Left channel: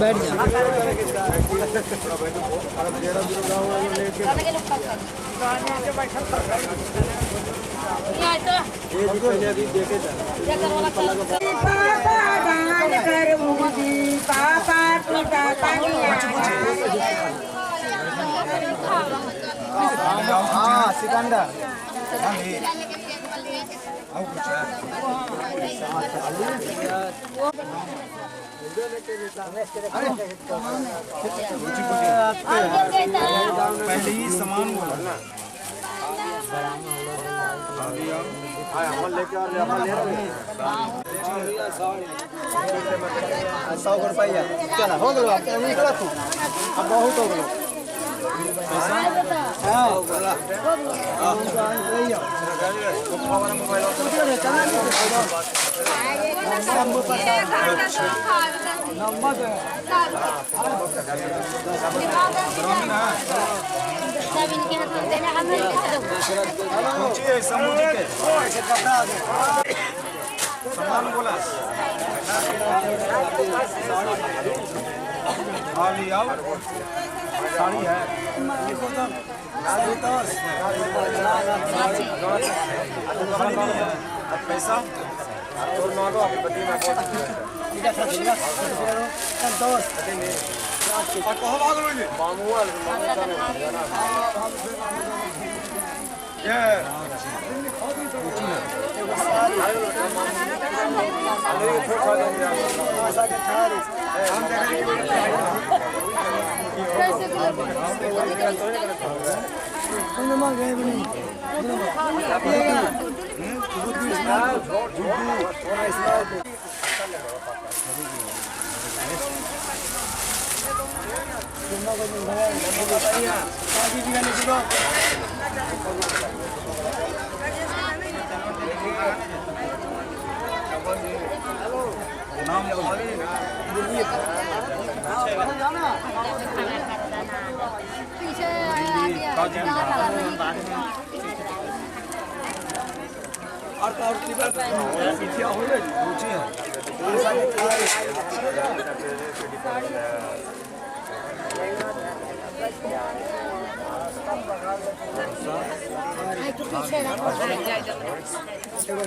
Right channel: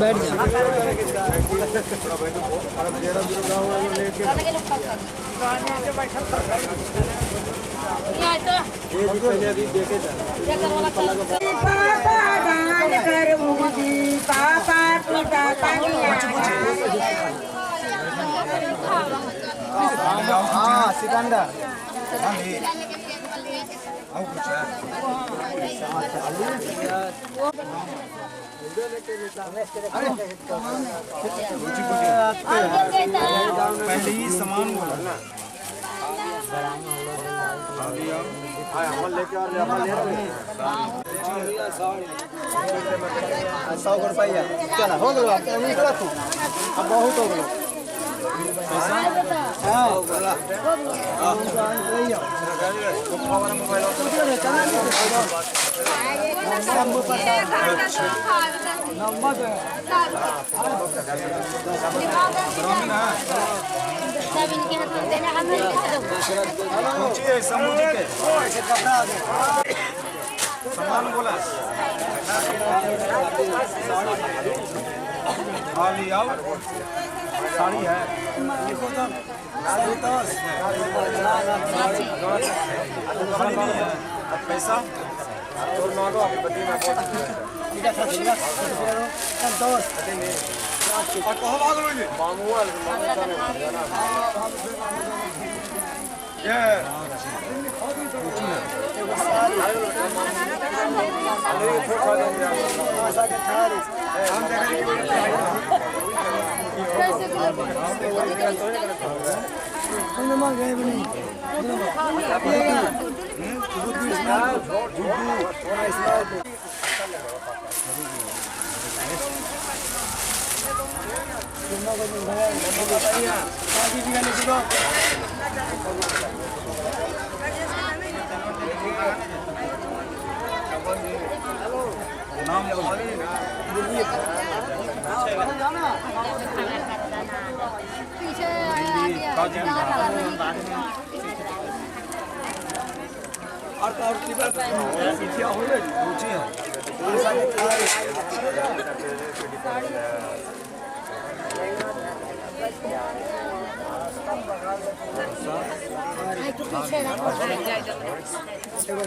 बैठ जा। हाँ सिकंदर पहले ही सामान बोला ना लेके 100 रुपया चला हो गया निकला तू अब बहुत हो गया सामान बोला साड़ी है पैसा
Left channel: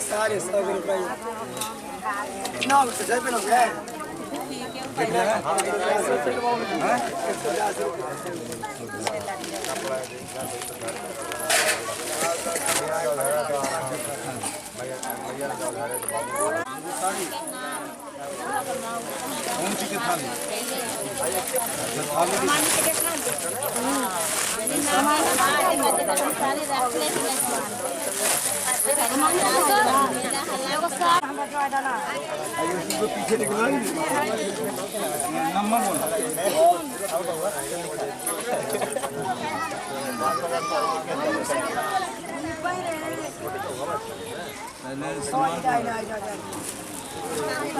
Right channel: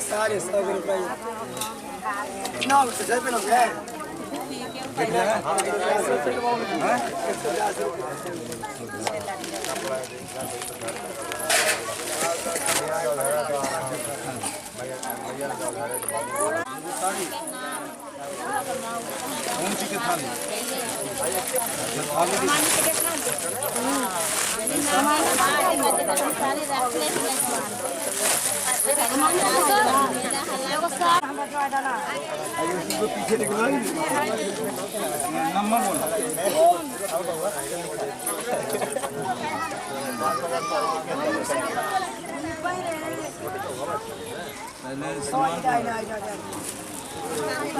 सारे 100 रुपये ना जय पे लोग है कौन सी की थाली पीछे निकला नंबर बोला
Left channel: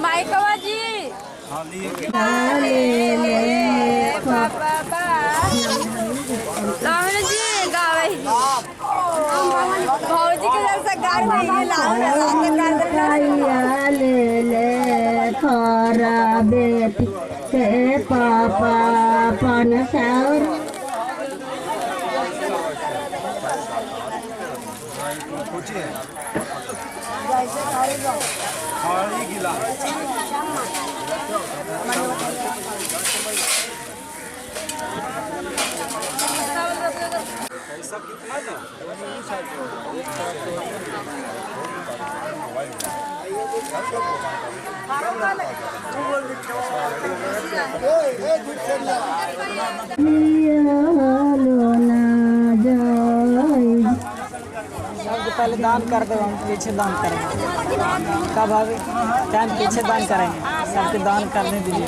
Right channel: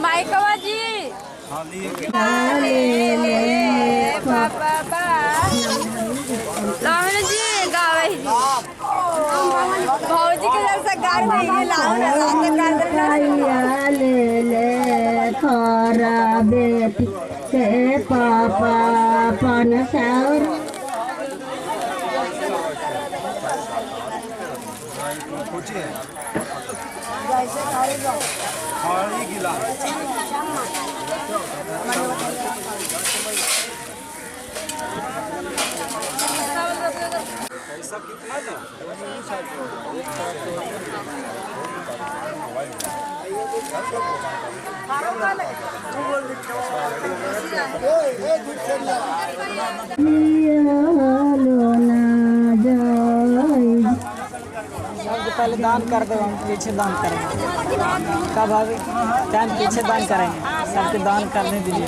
माइकवा जी रावण जी गावे भौजी के जैसा गाय नहीं ले थोड़ा बेटी के पापा पन सौर खाली गिला पैसा कितना था पहले दान कर दो, हम पीछे दान करेंगे। कब भाभी टाइम पीछे दान करेंगे, सबके दान करने दीजिए।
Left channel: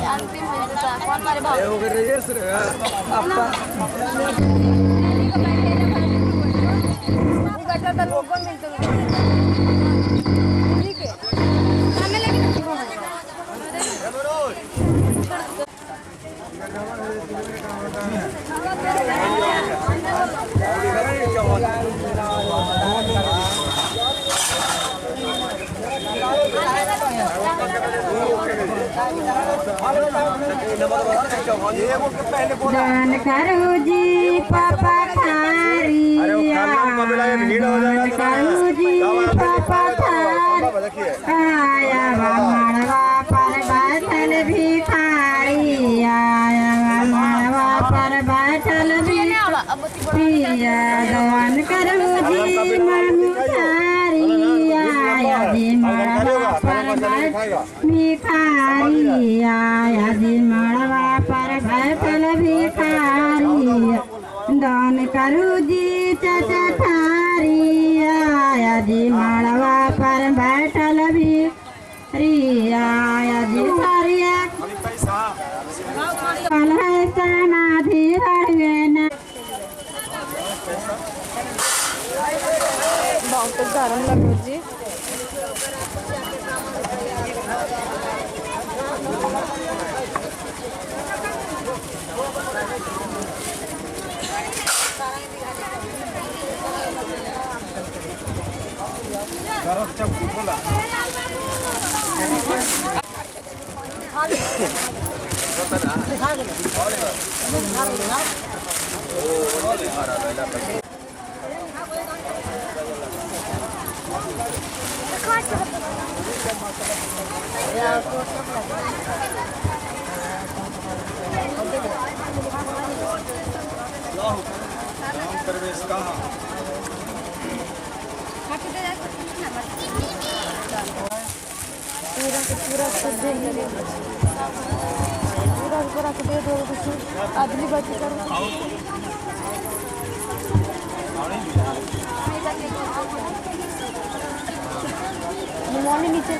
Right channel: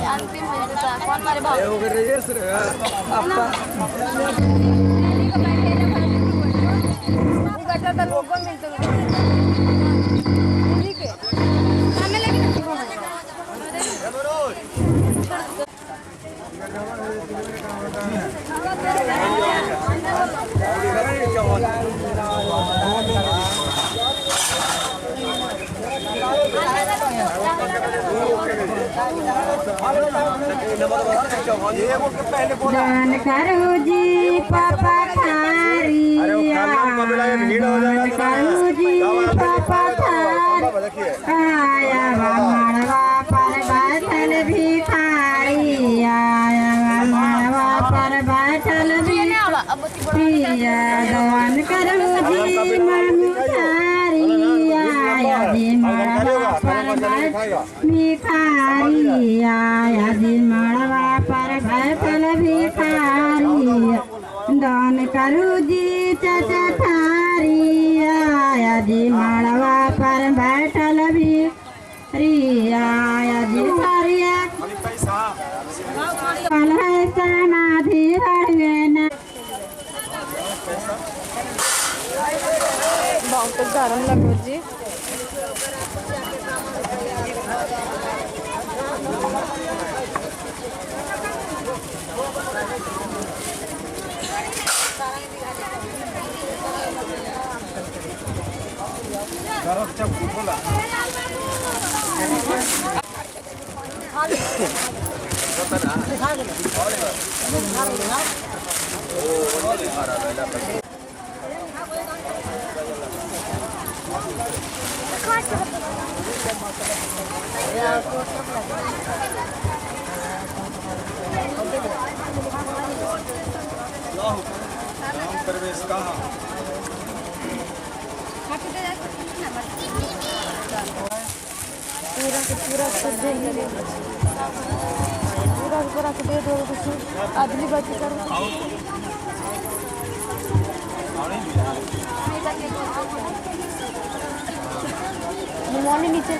दान करो जी पापा थारिया, दान करो जी पापा थारी, आया मड़वा पर बैठल भिखारी, आया मड़वा पर बैठल भिखारी, दान करो जी मनु थारी, आया जी मड़वा पर बैठल भिखारी, आया जी मड़वा पर बैठल भिखारी, दान करू जी चाचा थारी, आया जी मड़वा पर बैठल भिखारी, आया जी थारिया कल है समाधि हरवे न। बहुत गरम लगो जी। प्रवेश कहाँ पूरा सब दे पूरा के दे दो कुछ आदमी बच करो निमोनी नीचे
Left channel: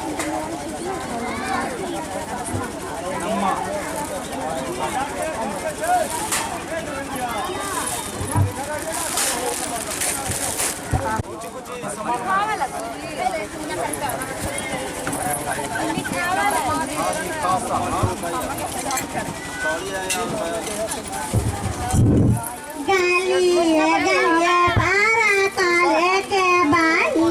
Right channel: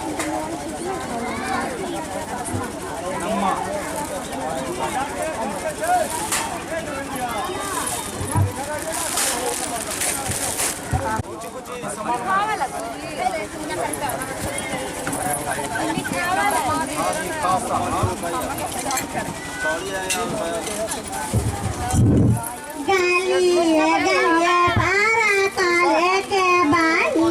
गलिए गलिए पारा काले के बाही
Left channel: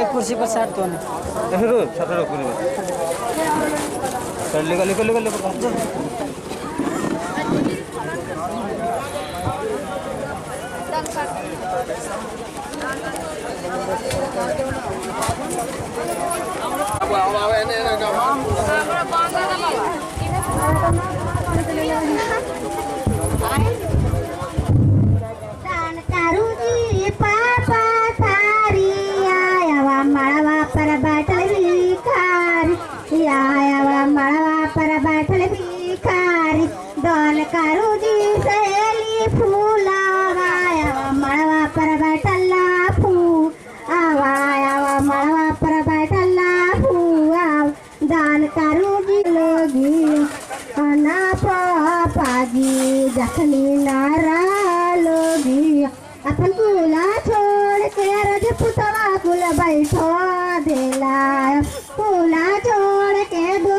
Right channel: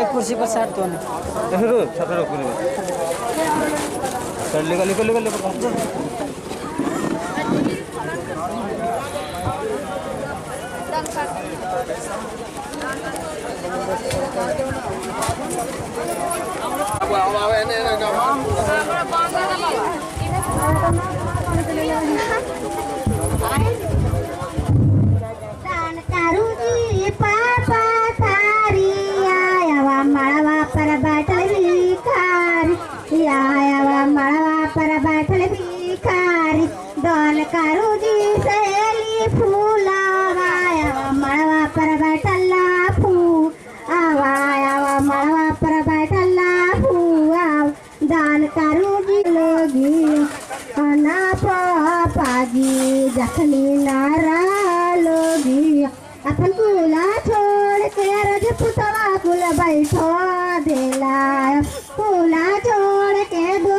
एक कुर्सी पर साट तो दान करू जी पापा थारी, आया मड़वा पर बैठल भिखारी, आया मड़वा पर बैठल भिखारी, दान करू जी सहेली फूला, आया मड़वा पर बैठल फूल, आया मड़वा पर बैठल फूल, दान करू जी लोगी ना पापा जी जखनी नारा लोगी, अपन कुला छोड़ के रजपुतवा कुल बैठो देला, कुला छोड़ के दो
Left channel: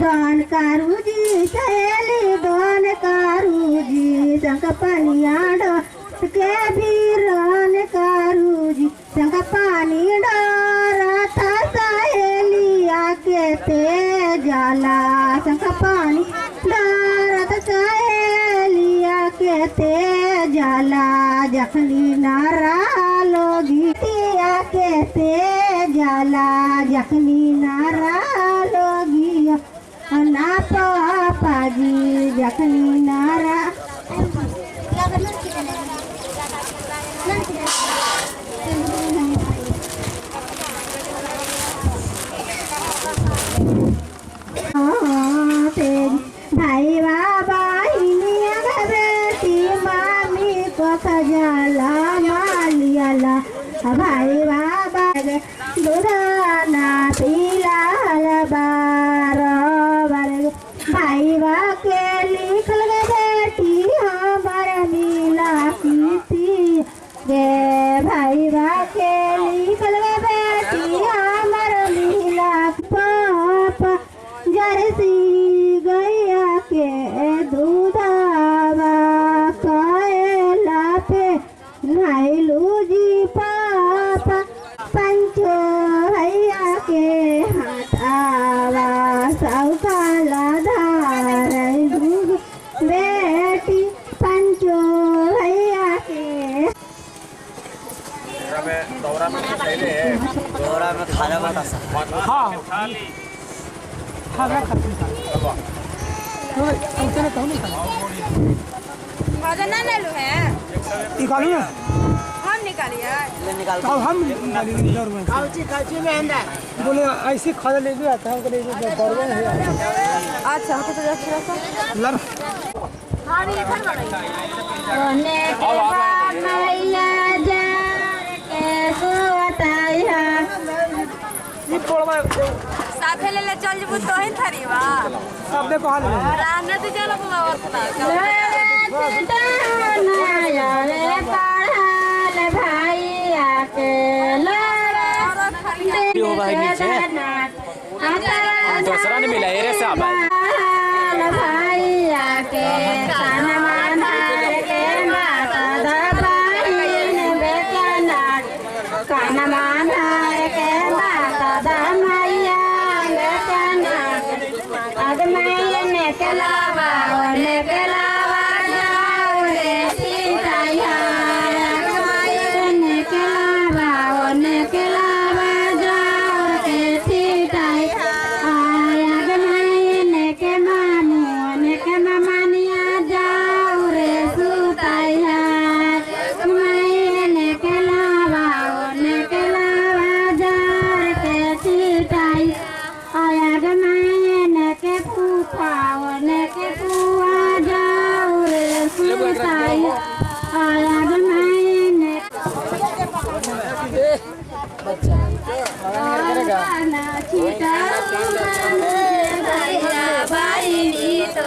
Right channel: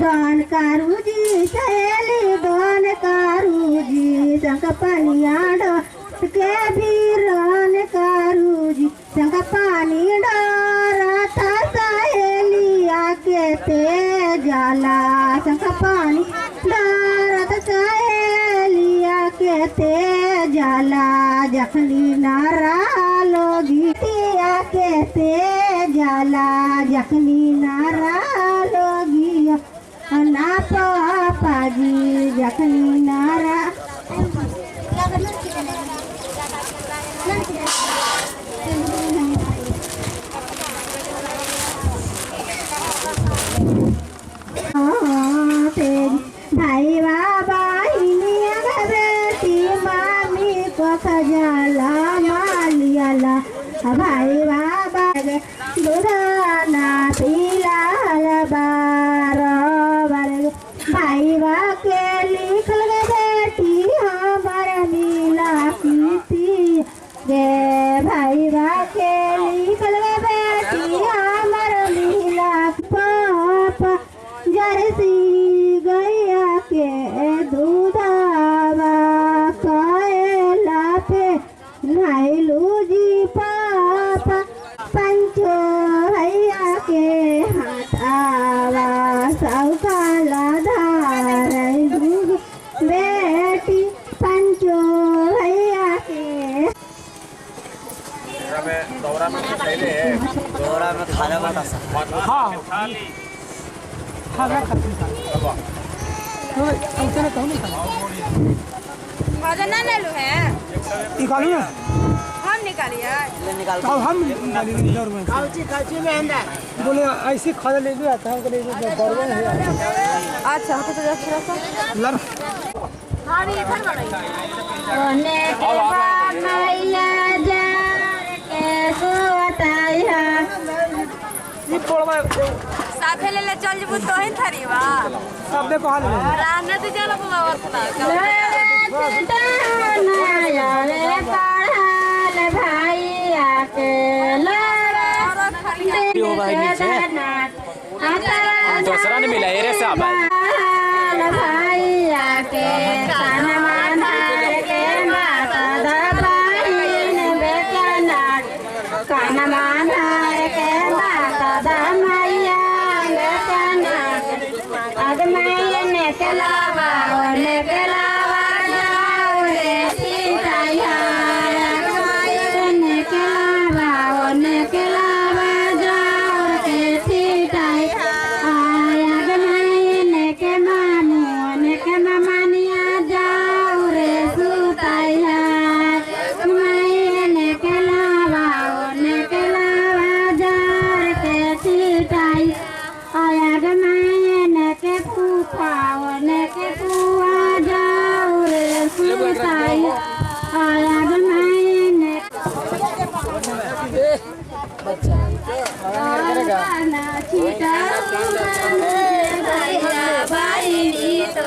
दान करू जी सहेली दान करू जी संग पनिया डोर के बीरान करू जी संग पानी डोरत सहेलिया के ते जाला, संग पानी डोरत सहेलिया के ते जाला, जखनी नारा लोगी तिया के ते जाला, जखनी नारा लोगी ना पापा जी जखनी नारा भाई बाबा बेटी मामी को खजाला मालियाला, भाई बाबा दुधाना पीला बार भाईवा के लिखल गे बेटी हमार मिला कीती गे भाईवा के लिखल गे बेटी हमार मिला पापा जर्सी गैया के दूधावा कायला पे नाइलू जी पापा पंचो भैया के हटावा सौकाला धार बेटी पंचो भैया के दौरा में खाना बना हाँ खाना खाते वजन ना ले लो है निकालू ना हम निकालिए अब हम निकालेंगे दौड़ में बोले ऐसे खाना ले लिया था हमको ले लिया दौड़ में है अच्छा हमको तो रख रखो लड़ हां ये इधर ओने के मैया जा के सोताया ये तोड़वा साथे ले चल जबू तो ही थरीवा सब देखो हाल में रान दे चलो बाबा और सुना रे पढ़ाल भैया के हो भाई नीचे दूसरा नहीं मिला एरे से आप भैया के के माता दबाइन बेचनाट काना मानार के माता दमैया बेचनाट अदमैया ने केलावा जाओ रे सीताया अदमैया ने केलावा जाओ रे सीताया अदमैया ने के मामू ने के मामानिया जाओ रे सुताया अदमैया ने केलावा जाओ रे सीताया अदमैया ने के फूफा ने के फुआ जाओ रे सुताया अदमैया ने ना चीता भैया भाई तो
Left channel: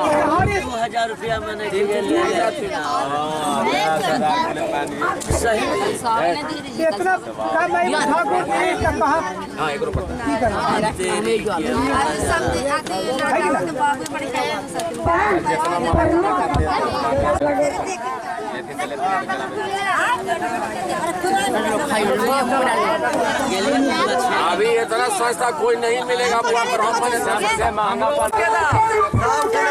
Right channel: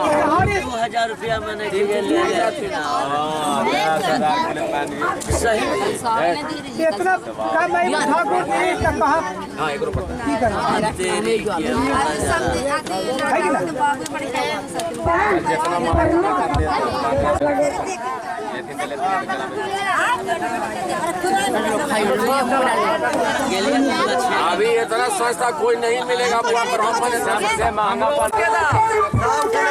₹2000 मैंने दिए ले सही इतना कम है ठाकुर जी का कहा हाँ एक रुपया ठीक है अभी इतना सस्ता कोई नहीं मिलेगा पूरा ब्राह्मण से महंगा पड़ेगा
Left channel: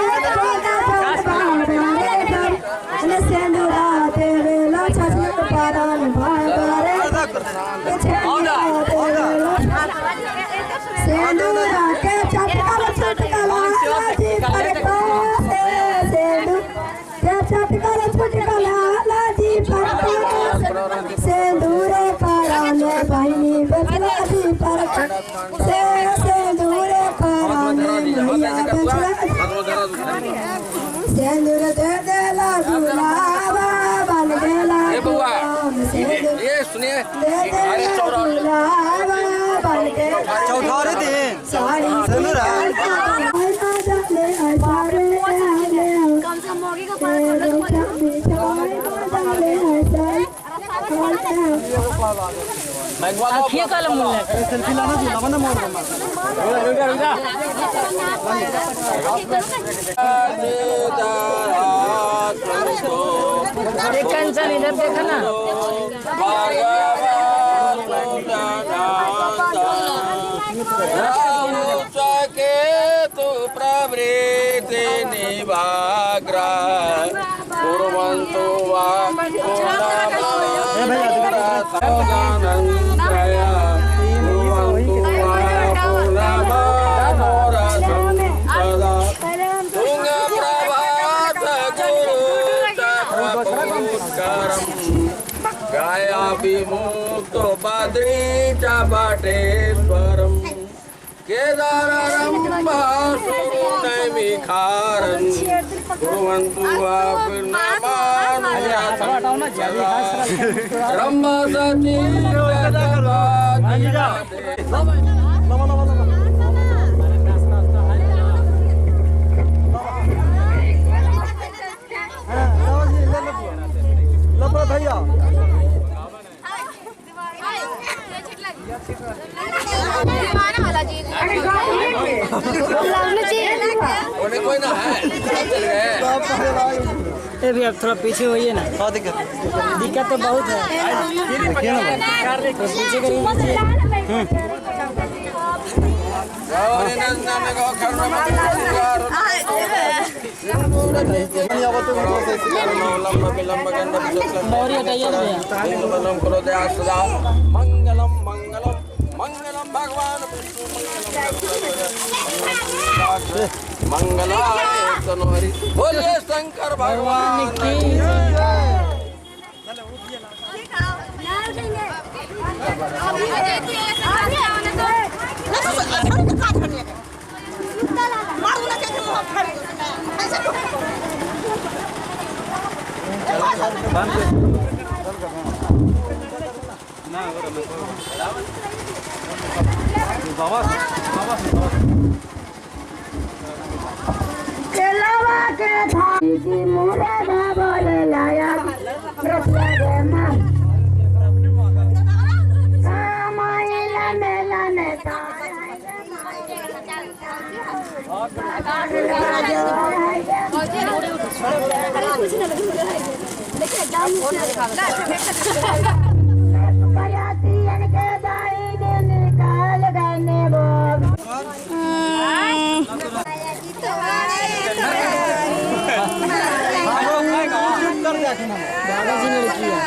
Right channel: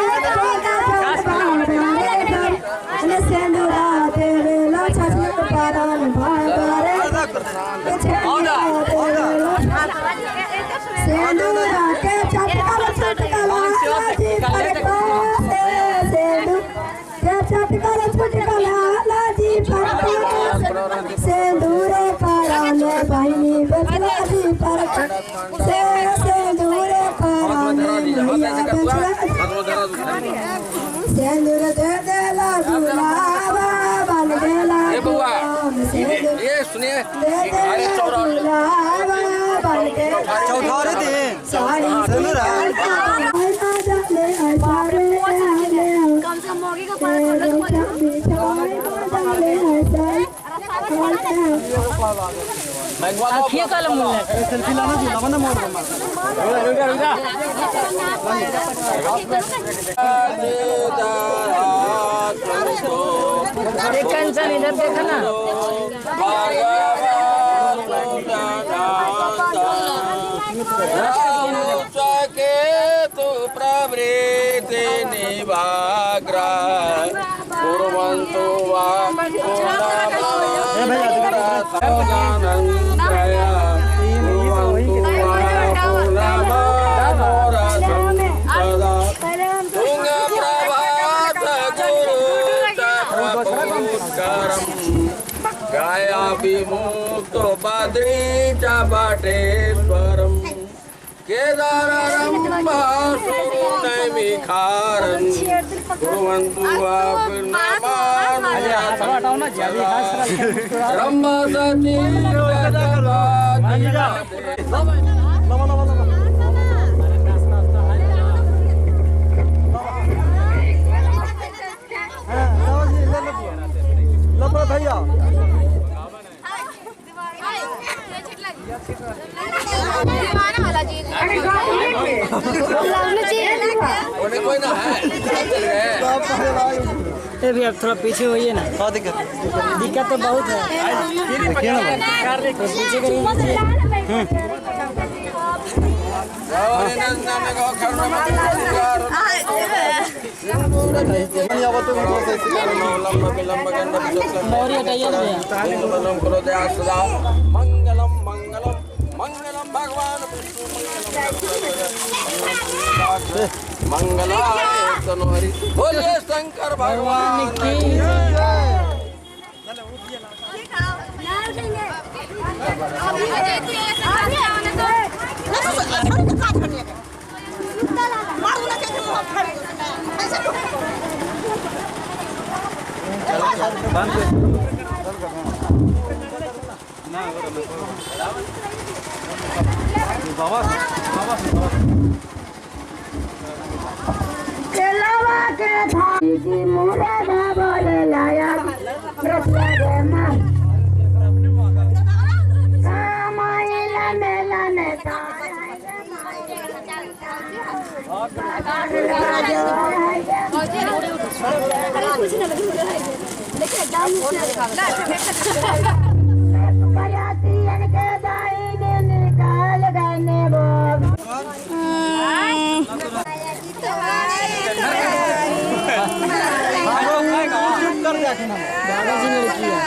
सिंदूरे पाराने बहिनी बेचला दी पर सिंदूरे पाराने भैया बेचला सिंदूर दे देला गुलाबा बन गेला ये सुनिए अरे गुलाबा बन गेला चौथारे दिन साड़ी सिंदूर कम से कम मोगी का पास आखिए कल मुल्ले सेल्फी लाना जी लाना मोड़ दमा एक कंचन इधर देखा ना के तू प्रवृत्ति निवाग्रा कुर्वन्तु वा गाया विमुक्तो बद्री च बटेश्वरम् केदारं भासुरनैमिखारं कुर्वन्तु ब्रह्मसती कोई ना है ये भी अब थोड़ा पीछे होइए ना दिक्कत तो बहुत है तो पीछे करिए मौर्य हटाइए ना मंगलम मंगलम मंगलम भगवान मंगलाय तनोहरि बोले शंकर भगवान की बाबा चलावा के थाली की मुरादा बोले लाया प्रसादमा कामाइला मेला ने दादाजी लड़की है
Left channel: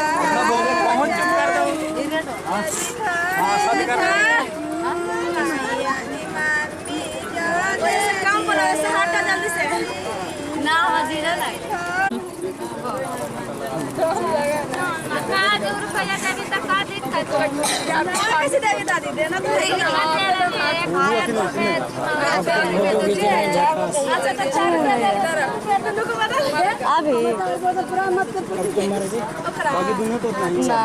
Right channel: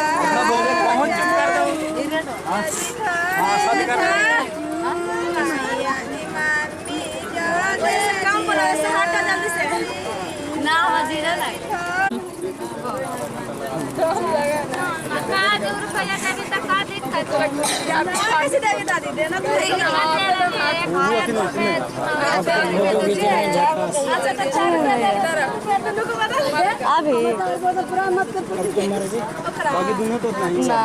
ना हजीरा नहीं कैसे देगी दादी देना तो अभी बाकी दुनिया तो नहीं ना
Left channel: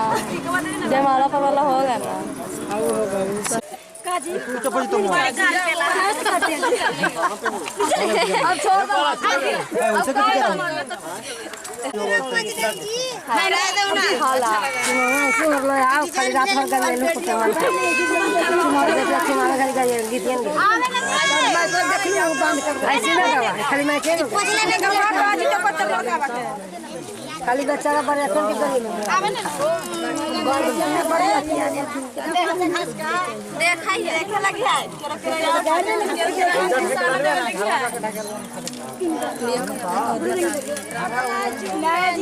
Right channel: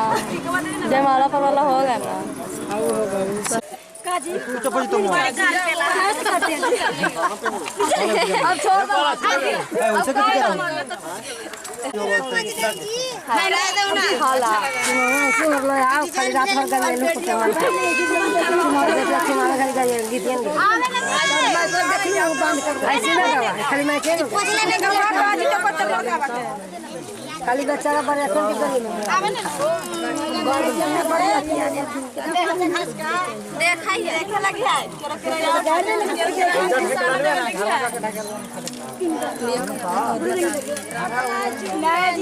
जयमाला पवाला हो गया ना चप्पल तो अब छोड़ दो उसे कुछ करा हाला खाली रात भर कर लेलू तो तुम्हारे देखला तुम्हारे घर का ये गीतियन ऐसे ना गावा खाली मैं के खाली बेचारा बड़े असन की गली में देखाइए देखा लगी है नहीं